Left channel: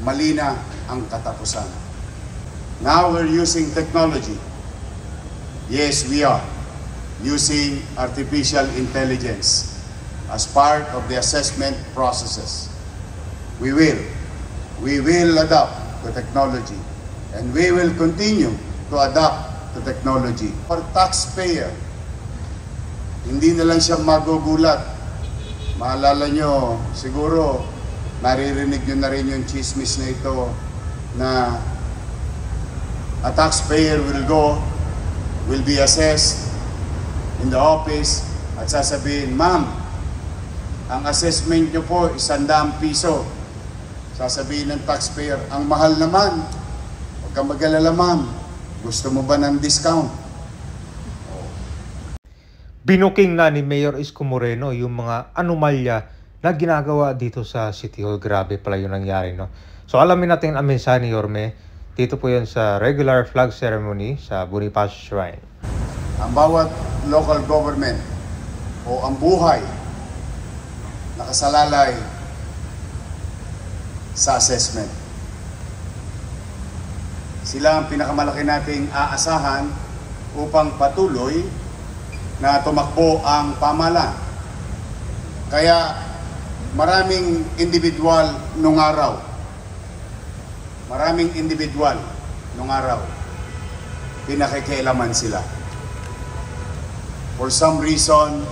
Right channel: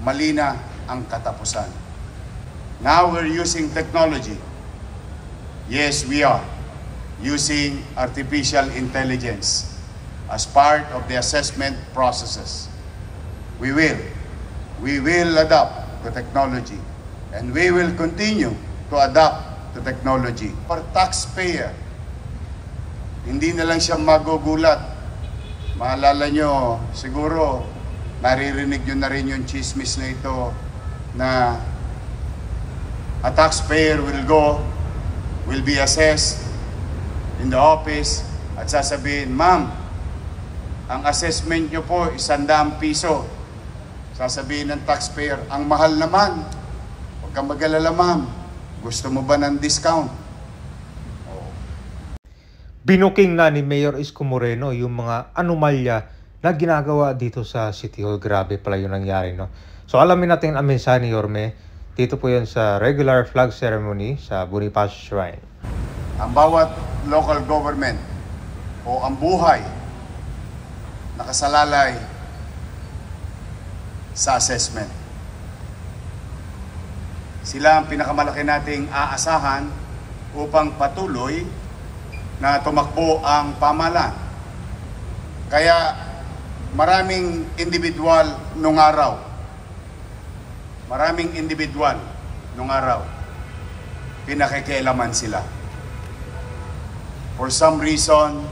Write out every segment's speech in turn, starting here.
mali na ang katapusan. Now we're using technology. Yes, we are using artificial intelligence as part of the assessment processes. We will adopt the technology, and we will continue to adopt the technology. For taxpayer, hindi na lang siya magugulat. Maalala nyo, siguro naririnig nyo na rin yung chismis na ito na a taxpayer will be assessed in the office at sasabihin, "Ma'am, ang assessment nyo po, 100 piso. Sasabihin ng taxpayer, "Ang mahal naman. Huwag kang mag-alala, ma'am. Gusto mo ba ng discount?" Binuking na ni Mayor Isko Moreno yung mga anomalya na ginagawa dito sa City Hall. Grabe pala yung nangyari, no? So alamin natin ang mensahe ni Yorme. Dito po yan sa regular flag ceremony sa Bonifacio Shrine. Ang bawat local government o ang buhay nakasalalay sa assessment. Sila ang pinakamalaki nating aasahan upang patuloy na tumakbo ang pamahalaan. Kaya maraming individual nung araw. Pinakikialaman sila. For some reason,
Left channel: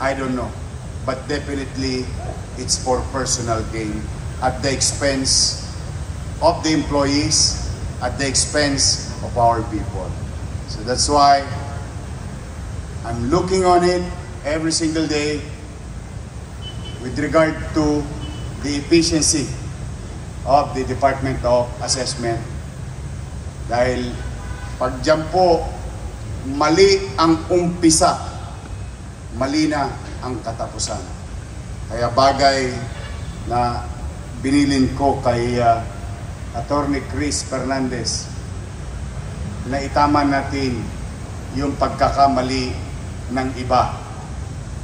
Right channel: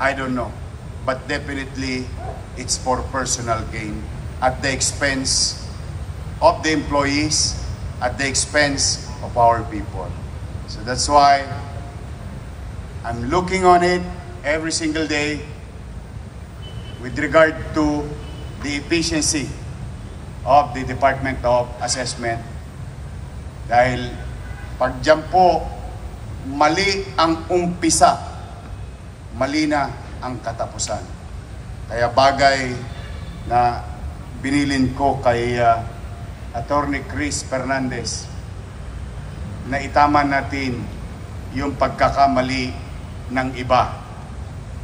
I don't know. But definitely, it's for personal gain at the expense of the employees, at the expense of our people. So that's why I'm looking on it every single day with regard to the efficiency of the Department of Assessment. Dahil pag dyan po mali ang umpisa, mali na ang katapusan. Kaya bagay na binilin ko kay Attorney Chris Fernandez na itama natin yung pagkakamali ng iba.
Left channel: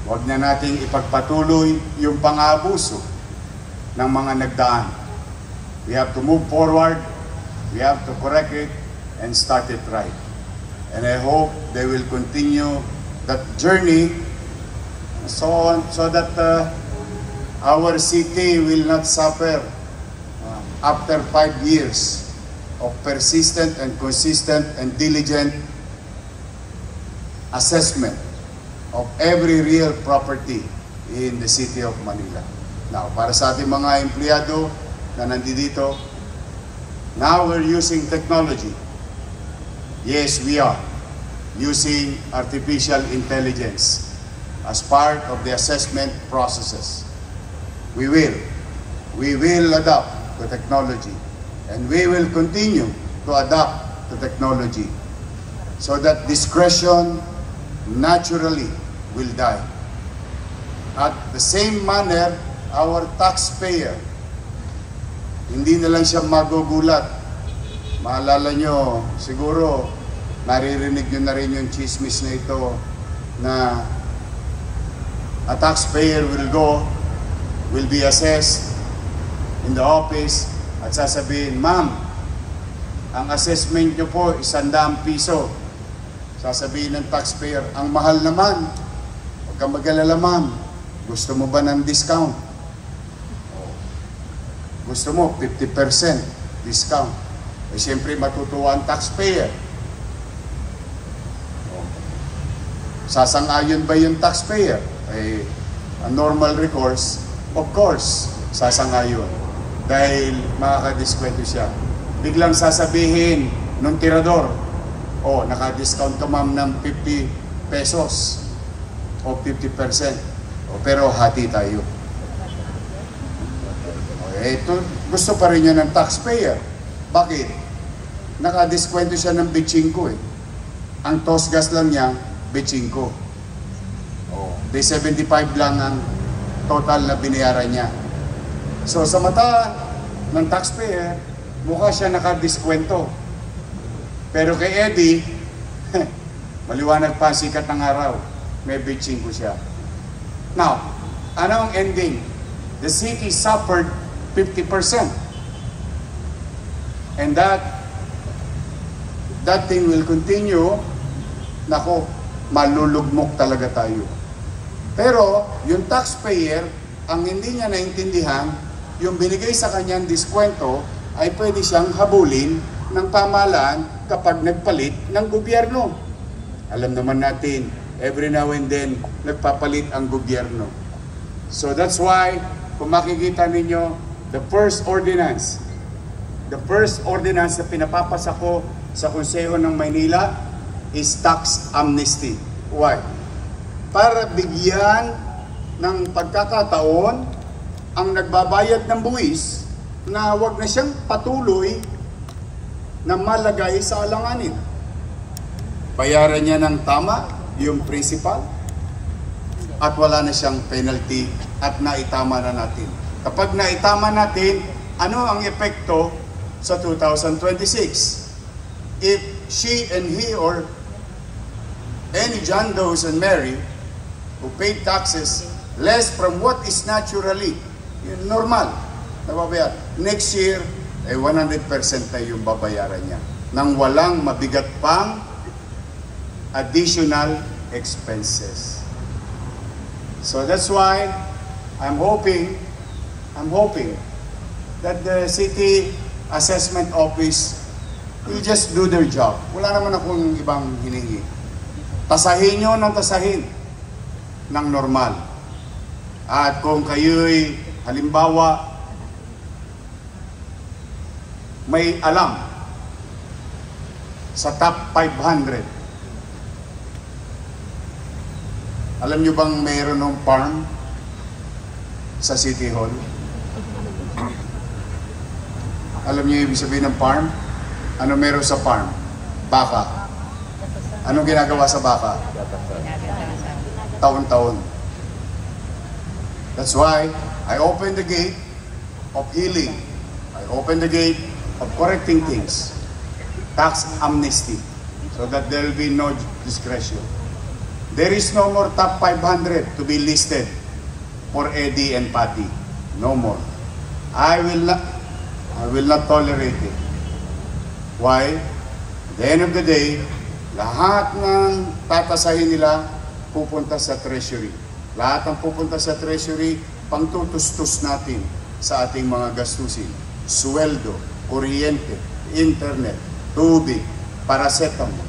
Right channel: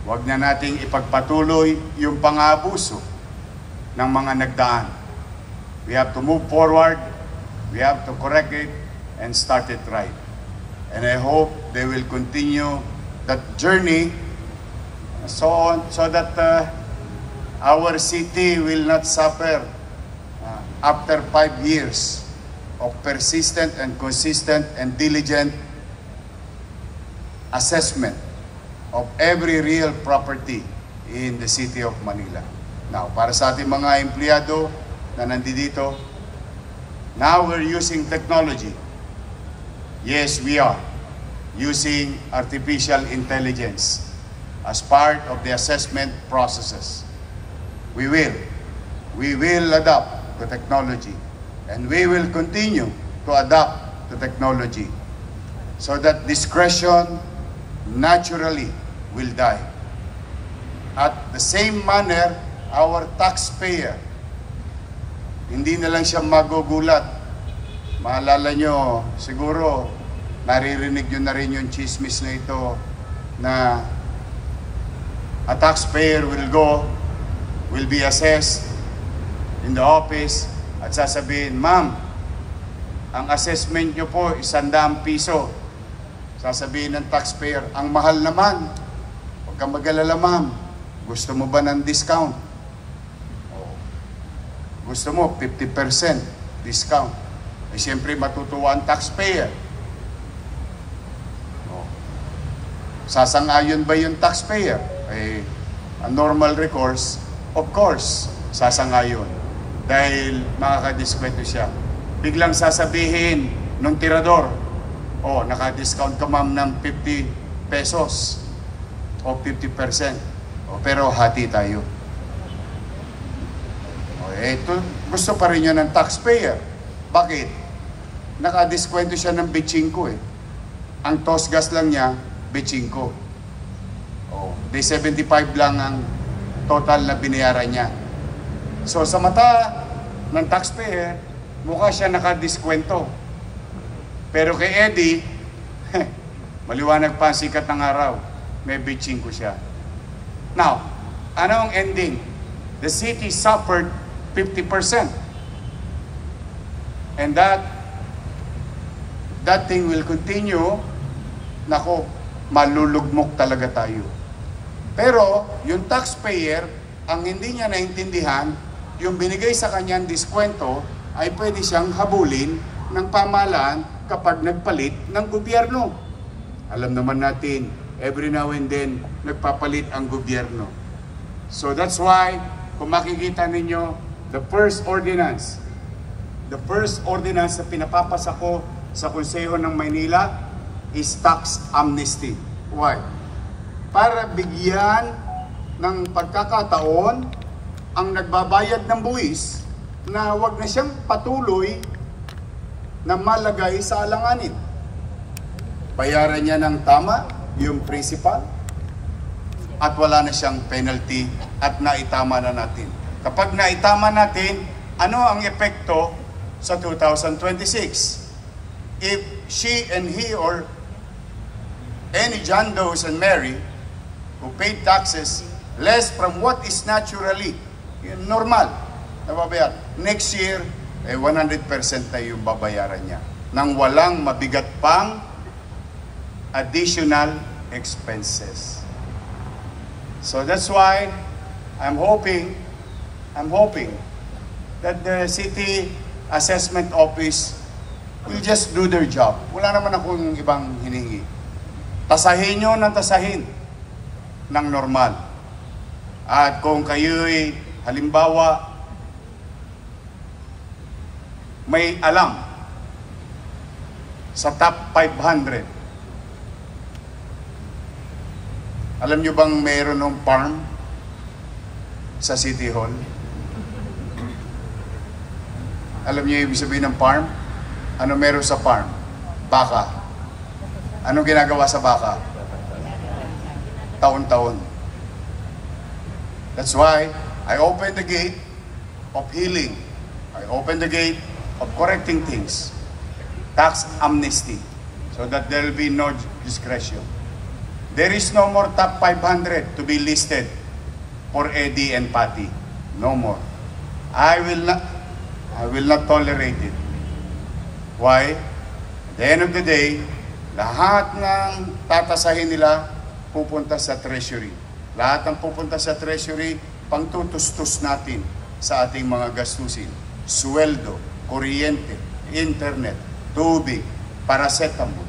Huwag na nating ipagpatuloy yung pang-aabuso ng mga nagdaan. We have to move forward, we have to correct it, and start it right. And I hope they will continue that journey so that our city will not suffer after 5 years of persistent and consistent and diligent assessment of every real property in the city of Manila. Now, para sa ating mga empleyado na nandito, now we're using technology. Yes, we are using artificial intelligence as part of the assessment processes. We will adopt the technology, and we will continue to adopt the technology so that discretion naturally will die. At the same manner, our taxpayer, hindi na lang siya magugulat. Maalala nyo, siguro naririnig nyo na rin yung chismis na ito na a taxpayer will be assessed in the office at sasabihin, "Ma'am, ang assessment nyo po 100 piso. Sasabihin ng taxpayer, "Ang mahal naman. Huwag kang mag-alala, ma'am. Gusto mo ba ng discount?" Gusto mo 50% discount. Eh siyempre matutuwa ang taxpayer. Sasang-ayon ba yung taxpayer? Eh, ang normal recourse, of course, sasang-ayon. Dahil makakadiskwento siya. Biglang sasabihin nung tirador, "Oh, naka-discount ka ma'am ng 50 pesos o 50%. O, pero hati tayo." Ito, gusto pa rin yun ng taxpayer. Bakit? Naka-diskwento siya ng 25 eh. Ang toss gas lang niya, 25. Oh, di 75 lang ang total na binayaran niya. So sa mata ng taxpayer, mukha siya naka-diskwento. Pero kay Eddie, maliwanag pa ang sikat ng araw, may 25 siya. Now, ano ang ending? The city suffered 50%. And that thing will continue. Nako, malulugmok talaga tayo. Pero yung taxpayer, ang hindi niya naintindihan, yung binigay sa kanyang diskwento ay pwede siyang habulin ng pamahalaan kapag nagpalit ng gobyerno. Alam naman natin, every now and then, nagpapalit ang gobyerno. So that's why, kung makikita ninyo, the first ordinance na pinapapasa ko sa Konseho ng Maynila is tax amnesty. Why? Para bigyan ng pagkakataon ang nagbabayad ng buwis na wag na siyang patuloy na malagay sa alanganin. Bayaran niya ng tama yung principal at wala na siyang penalty at naitama na natin. Kapag naitama natin, ano ang epekto sa 2026? If she and he or any John Does and Mary who paid taxes less from what is naturally normal na babayaran, next year, 100% na yung babayaran niya nang walang mabigat pang additional expenses. So that's why I'm hoping that the City Assessment Office will just do their job. Wala naman akong ibang hiningi. Tasahin nyo ng tasahin ng normal. At kung kayo'y halimbawa may alam sa top 500, alam nyo bang mayroon ng farm sa City Hall? Alam nyo ibig sabihin ng farm? Ano meron sa farm? Baka. Ano ginagawa sa baka? Taon-taon. That's why I open the gate of healing. I open the gate of correcting things. Tax amnesty. So that there will be no discretion. There is no more top 500 to be listed for Eddie and Patty. No more. I will not tolerate it. Why? At the end of the day, lahat ng tatasahin nila pupunta sa treasury. Lahat ng pupunta sa treasury, pangtutustos natin sa ating mga gastusin. Sweldo, kuryente, internet, tubig, paracetamol,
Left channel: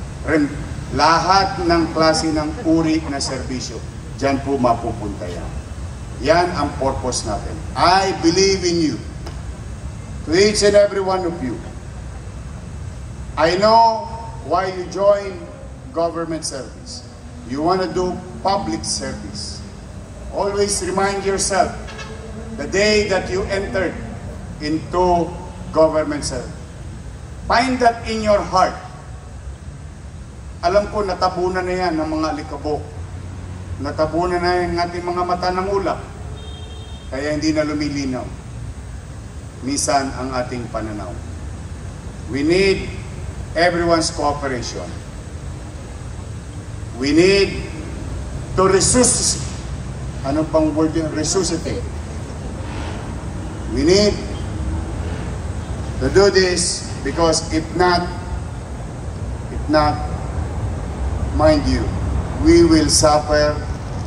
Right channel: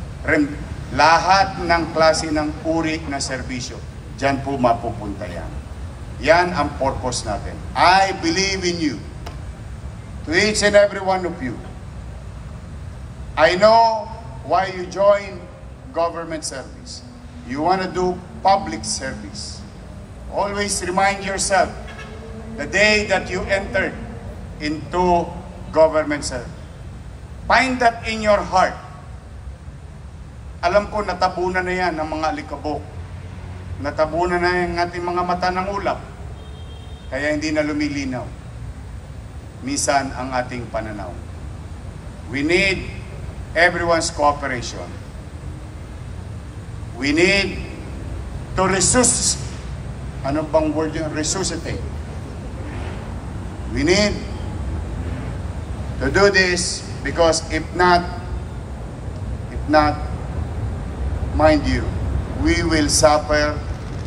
lahat ng klase ng uri na serbisyo. Diyan po mapupunta yan. Yan ang purpose natin. I believe in you. To each and every one of you. I know why you join government service. You want to do public service. Always remind yourself the day that you entered into government service. Find that in your heart. Alam ko natabunan na yan ng mga alikabok. Natabunan na yung ating mga mata ng ulap. Kaya hindi na lumilinaw. Minsan ang ating pananaw. We need everyone's cooperation. We need to resuscitate. Ano bang word yun? Resuscitate. We need to do this because if not, mind you, we will suffer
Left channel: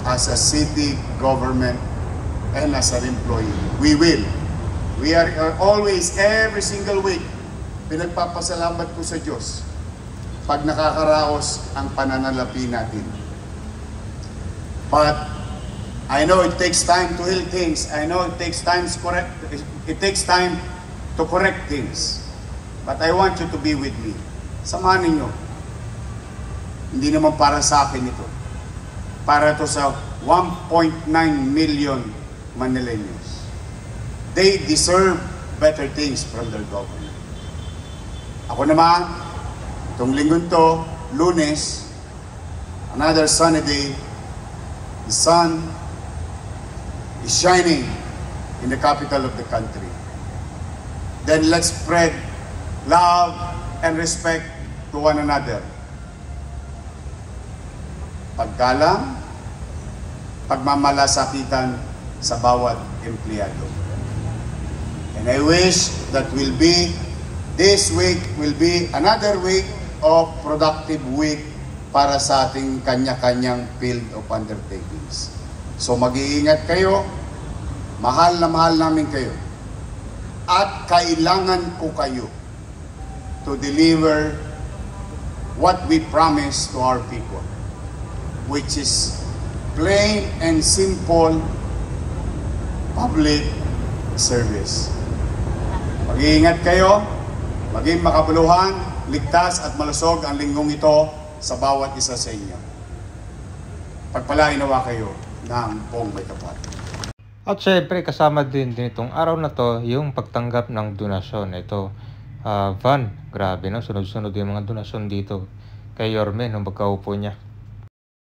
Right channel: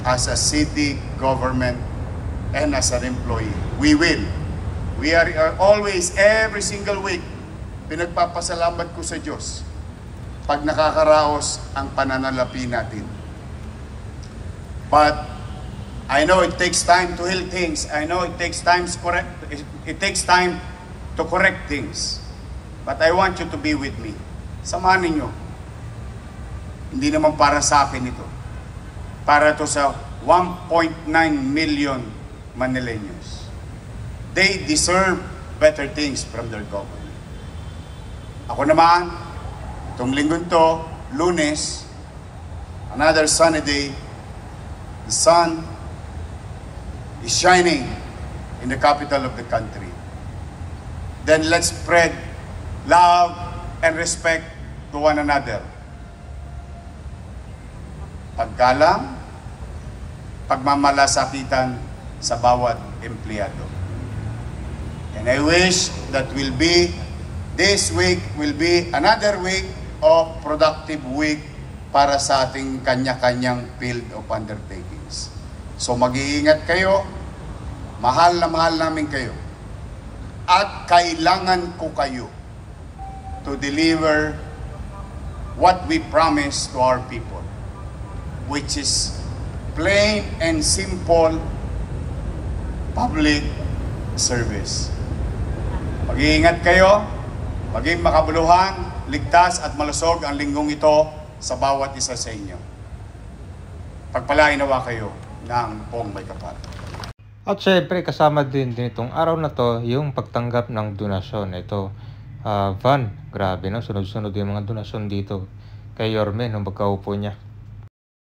as a city government and as an employee. We will. We are always, every single week, pinagpapasalamat ko sa Diyos pag nakakaraos ang pananalapi natin. But I know it takes time to heal things. I know it takes time to correct things. But I want you to be with me. Samahan ninyo. Hindi naman para sa akin ito. Para to sa 1.9 million Manileños. They deserve better things from their government. Ako naman, itong linggong to, Lunes, another sunny day, the sun is shining in the capital of the country. Then let's spread love and respect to one another. Paggalang, pagmamalasakitan sa bawat empleyado. And I wish that will be This week will be another week of productive week para sa ating kanya-kanyang field of undertakings. So mag-iingat kayo, mahal na mahal namin kayo, at kailangan ko kayo to deliver what we promise to our people, which is plain and simple public service. Mag-iingat kayo, maging makabuluhan, ligtas at malusog ang linggong ito sa bawat isa sa inyo. Pagpalain nawa kayo ng buong may kapal. At syempre kasama din itong araw na to yung pagtanggap ng donasyon. Ito, Van, grabe no, sunod-sunod yung mga donasyon dito kay Yorme nung pagkaupo niya.